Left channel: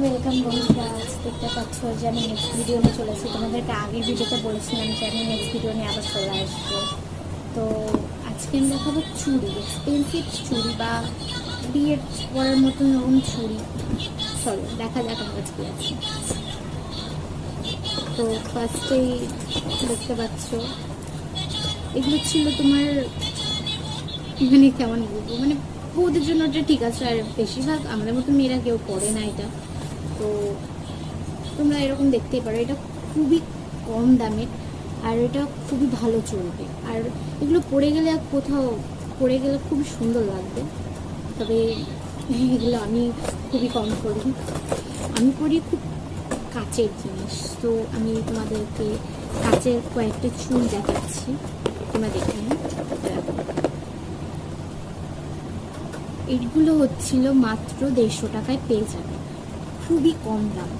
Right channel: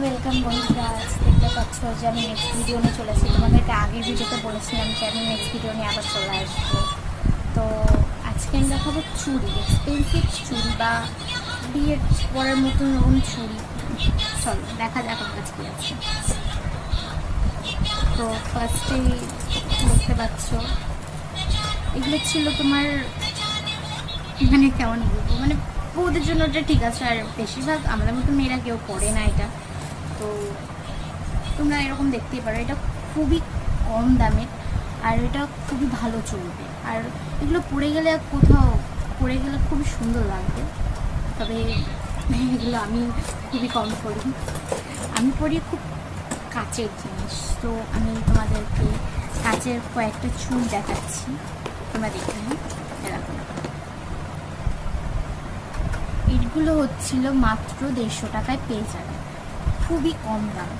Welcome বন্ধুরা, দেখতে পাচ্ছ যে আমি নেক্সট ভিডিও নিয়ে চলেছি। তোমাদেরকে আগের ভিডিওতে বলেছিলাম যে আমি নেক্সট ভিডিও নিয়ে আবার চলে আসবো। তো আজকে আমি দেখাবো চুড়ি, এক্সপেন্সিভ চুড়ি বা বিয়ের পরের মতন ওরকম চুড়ি। চলো দেখা যাক আমার কাছে কি আছে। তো ফার্স্টেই দেখতে পাচ্ছ এগুলো ছিল তোমার, মানে কেমন বলবো, মানে বউদের জন্য ওটা ঠিক আছে, আর বেশিরভাগ আমাদের মতো মেয়েরা কেউ পরে না এটা। তো তোমরা এরকম দেখতেই পারো, এটা খুবই কম দামের আর এটা খুবই ভালো চলবে। আর এগুলো পরে গেলে কোথাও পরে গেলে খুবই সুন্দর লাগবে। তবে এগুলো আমি খুবই কম পরি, আমি পরি খুব কাচের জিনিস। তো আমি তোমাদেরকে কাচের কয়েকটা চুল দেখাচ্ছি, তোমরা দেখে নিই। এগুলো হচ্ছিল মাত্র 150 টাকায় পেয়ে যাবে, খুবই কম দাম।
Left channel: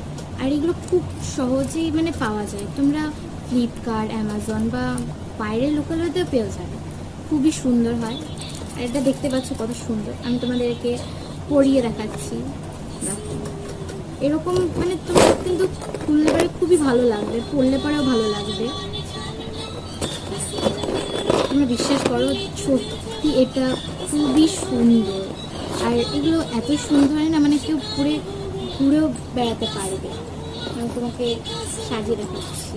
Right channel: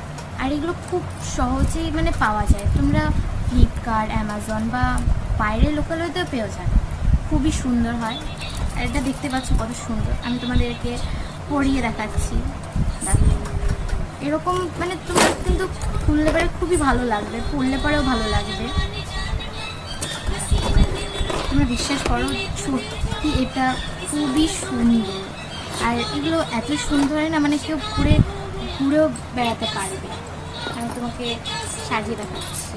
আর এগুলো খুব সহজেই মানে পাওয়া যায়, তোমরা ফ্লিপকার্ট, অ্যামাজন বা বাইরের লোকালয়তেও পেয়ে যাবে। খুবই সুন্দর হয়। আর এটা দেখতে পাচ্ছ কত সুন্দর, আমি তোমাদেরকে পরিয়ে দেখাচ্ছি। দেখো এরকম, মানে তোমরা কিন্তু খুললে পরে খুবই ভালো লাগবে, পরলে পরেও ভালো লাগবে। তোমরা বিশ্বাস করো, সত্যি এটা খুবই সুন্দর। আর এগুলো এত সুন্দর হয় না, মানে কেউ পরে ঘুরেও বেড়াতে পারবে। আমি তোমাকে সাজিয়ে দেখাচ্ছি।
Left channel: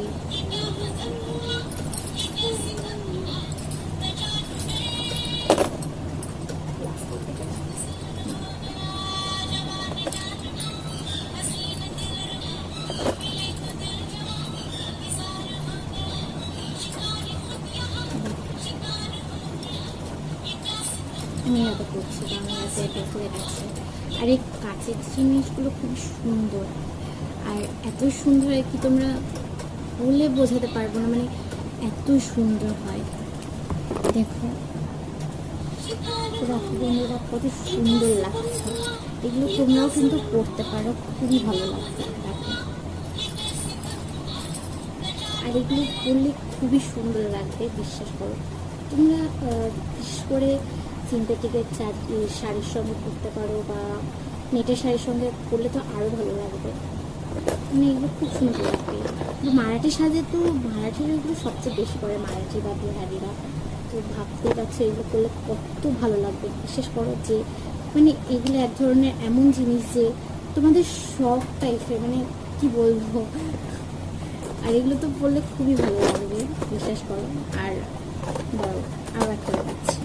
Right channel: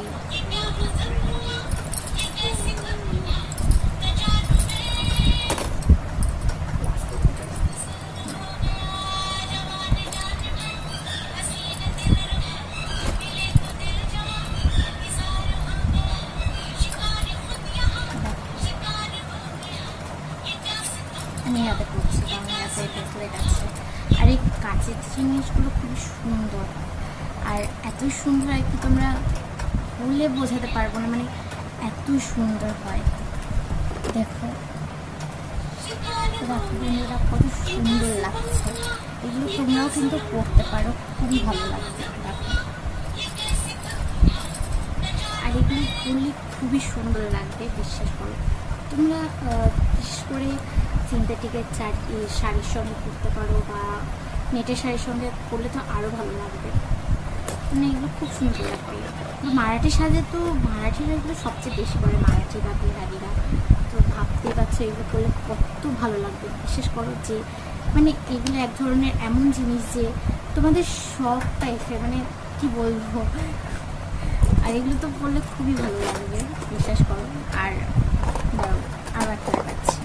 আমি হাতে পড়ছি, কারণ হাতে পেন্সিল দেখাচ্ছি। আর এই কাচের জিনিসগুলো খুবই সুন্দর হয়, আর এত সুন্দর হয় কি তোমরা বললে বোঝাতে পারবো না, মানে এত সুন্দর হয়। দেখো বন্ধুরা কত সুন্দর লাগছে, এগুলো তোমরাও কিন্তু পড়তে পারো, খুবই ভালো লাগছে। দেখো, আর এগুলো পরলে খুবই সুন্দর লাগবে, বিশ্বাস করো। তোমরা বিশেষ করে সিনথেটিকের শাড়ির সঙ্গে পরতে পারো, বা নেটের শাড়ির সঙ্গে পরলে তো আরও ভালো লাগবে। মানে এগুলো খুব সুন্দর লাগবে। মারাঠি সাজে তো মারাঠিরা এগুলো সবচেয়ে বেশি করে, মারাঠি বা বিহারিরা। তো ভাবতেই পারছো এগুলো করলে কত ভালো লাগবে। বিশেষ করো যে মানে এগুলো এক ধরনের এমন জিনিস যে তোমাদের শখ টাইপের, মানে কি বলবো। আর এগুলো তো পরলে খুবই ভালো লাগবে, বিশ্বাস করো। আর আরও একটা দেখাচ্ছি,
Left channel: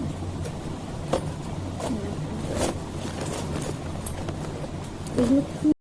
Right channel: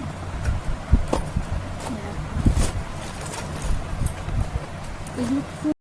এগুলো